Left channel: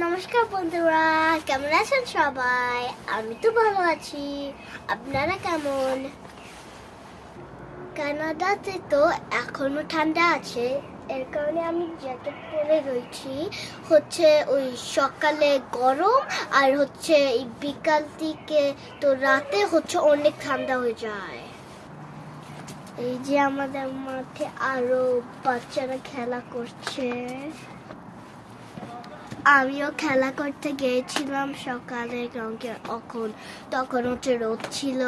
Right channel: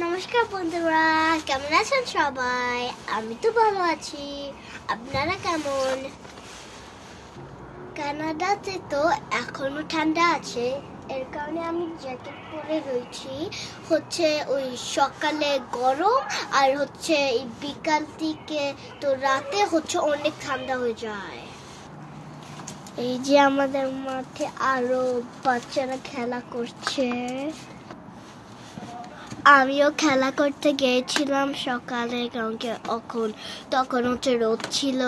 নমস্কার বন্ধুরা, কেমন আছেন সবাই? আমি তো ভালো আছি। আপনারা কেমন? কানাডাতে তো এখনো ঠান্ডা আছে, এর কারণে আমি জ্যাকেট পরে রয়েছি। ওই সকালে গরম আর এই বিকাল দিকে তো রাতে অনেক ঠান্ডা হয়ে যায়। এই যে আমাদের মাঠে আরো বাচ্চারা খেলা করছে। আমিও খেলা করতে গিয়েছিলাম সকালে, কারণ তখন রোদ ছিল।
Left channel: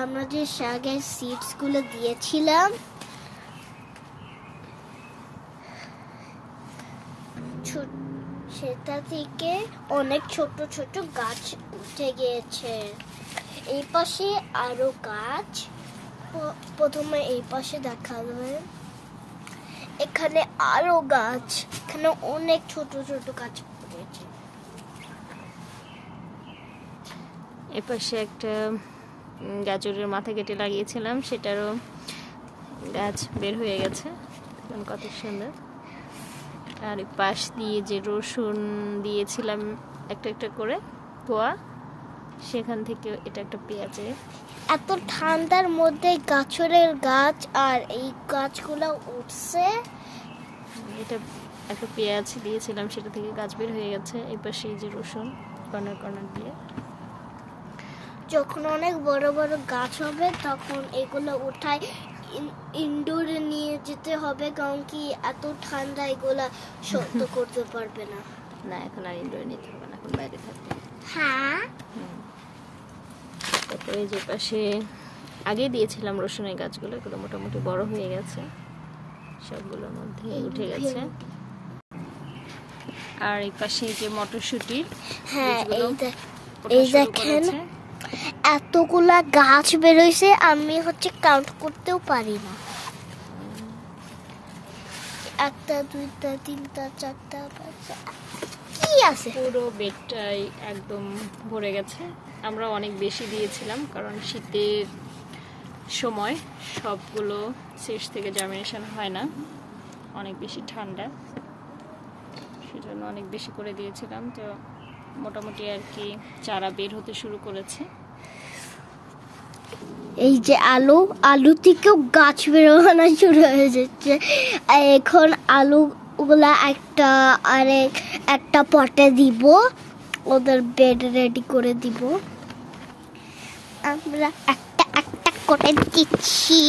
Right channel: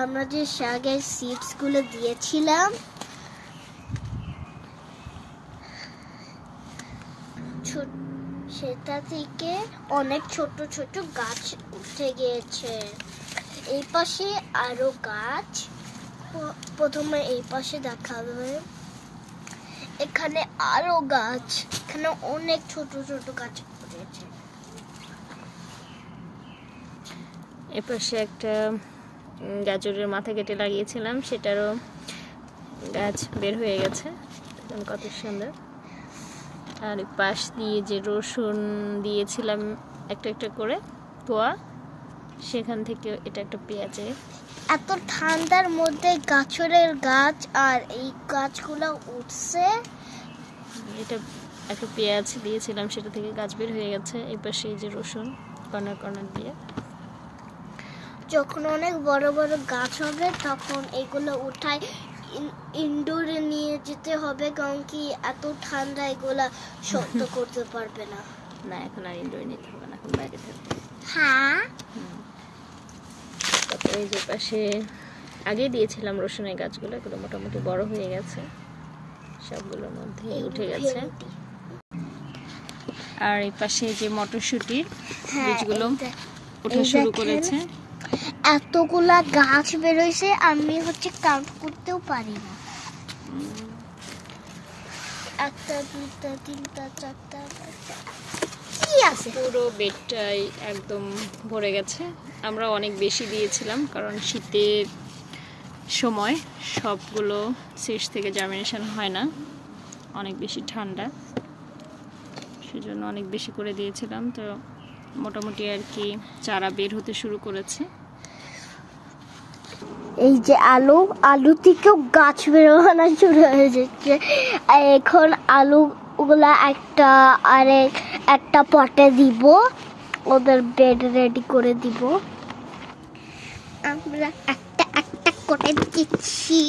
আমরা যে শাকের সিডস গুলো দিয়েছিলাম সেটা থেকে অনেক ছোট ছোট গাছ উঠে গিয়েছে। এই পাশে আরো গাছ, প্রথমে এই পাশে দেখাবে, এখানে আরো গাছ, এখানে অনেক ছোট ছোট গাছ পড়েছে। এপাশে একটা গাজরের মাথা কেটে লাগিয়েছিলাম, সেটারও গাছ বের হয়ে গেছে, কত সুন্দর। আর পাশ দিয়ে যে রসুন দিয়েছিলাম একটা একটা করে পোয়া, সেখান থেকে এটা একটা পেঁয়াজে। এত ঠান্ডার মধ্যে গাজরের গাছ আর এই গাছগুলো উঠছে। এটা একটা পেঁয়াজ দিয়েছিলাম, সেটা থেকে গাছ বের হয়ে গেছে। এই পাশে যে রসুন কর্নার কর্নার দিয়ে। যখন অনেক বড় বড় গাছ হবে তখন এগুলো উঠায় ইনডোরে নিয়ে যেতে হবে, কারণ কি এত ঠান্ডা এগুলা সহ্য করতে পারবে না। না, এখন আর ইনডোরে নিতে হবে না, এখন বাইরে থাকবে। হ্যাঁ। তারপরে যে পাশে আগে দিয়েছিলাম রসুনের গাছগুলো, এগুলো মোটামুটি বড় হয়ে গেছে, সবগুলোর মধ্যে উঠে গেছে। আর এই পাশে যে মটরশুঁটি, এই দেখেন এতগুলা গাছ বেরোইছে, আমি কাউন্ট করতেও পারি না। একটা, দুইটা, তিনটা, চারটা, পাঁচটা, কি আছে? পুরো বেডটাই একদম ভরে গেছে। আমরা অনেক বেশি দিয়েছিলাম, কারণ শীতের সময় সবগুলো শেষ থেকে জার্মিনেশন হয় না, অনেক বেশি ঠান্ডা, সেজন্য অনেক বেশি করে দিয়েছিলাম। তো মোটামুটি আর কি চারা বের হতে শুরু করেছে। এই যে আলু থেকেও গাছ বেরোনো শুরু হয়ে যাচ্ছে। এখন আলুগুলা একটা পটে দিব, ওদের বেড রেডি করে দিব। আমরা একটা একটা করে দিচ্ছি।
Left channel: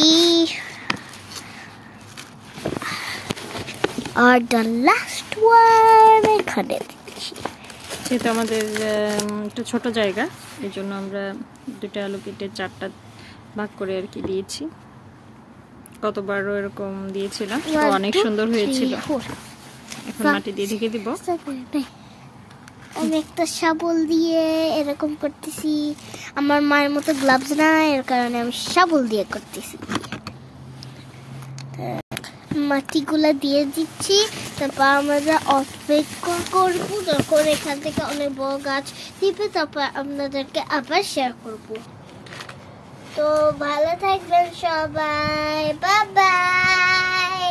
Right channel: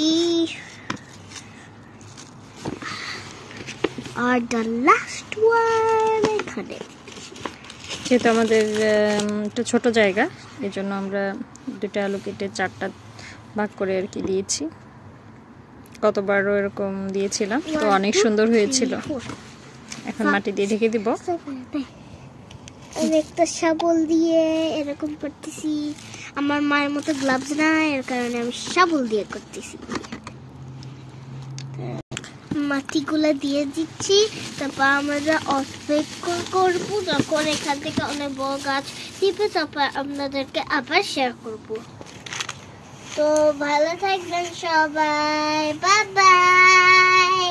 আর দ্য লাস্ট ওয়ান এখানে দিচ্ছি। যেহেতু আমাদের একটু ছোট জায়গা, এই জন্য আমরা দুটা আলু কেটে চারটা ভাগ করে আর কি দিয়েছি। কতবারও এরকম দিয়েছিলাম, তো অনেক সুন্দর হয়েছিল। এখন মাটি দিয়ে ঢেকে দিব। অনেকটা শাবল দিয়ে এরকম করতেছি। আমার মায়ের মতো গ্লাভস না, এর কারণে আমি শাবল দিয়ে করতেছি। মাটিগুলা দিয়ে দিচ্ছি, তারপর আমরা অপেক্ষা করবো যখন এখান থেকে অনেক বড় গাছ দিবে, তারপর আপনাদেরকে আবার শেয়ার করব। তো ভালো থাকবেন সবাই, বাই বাই।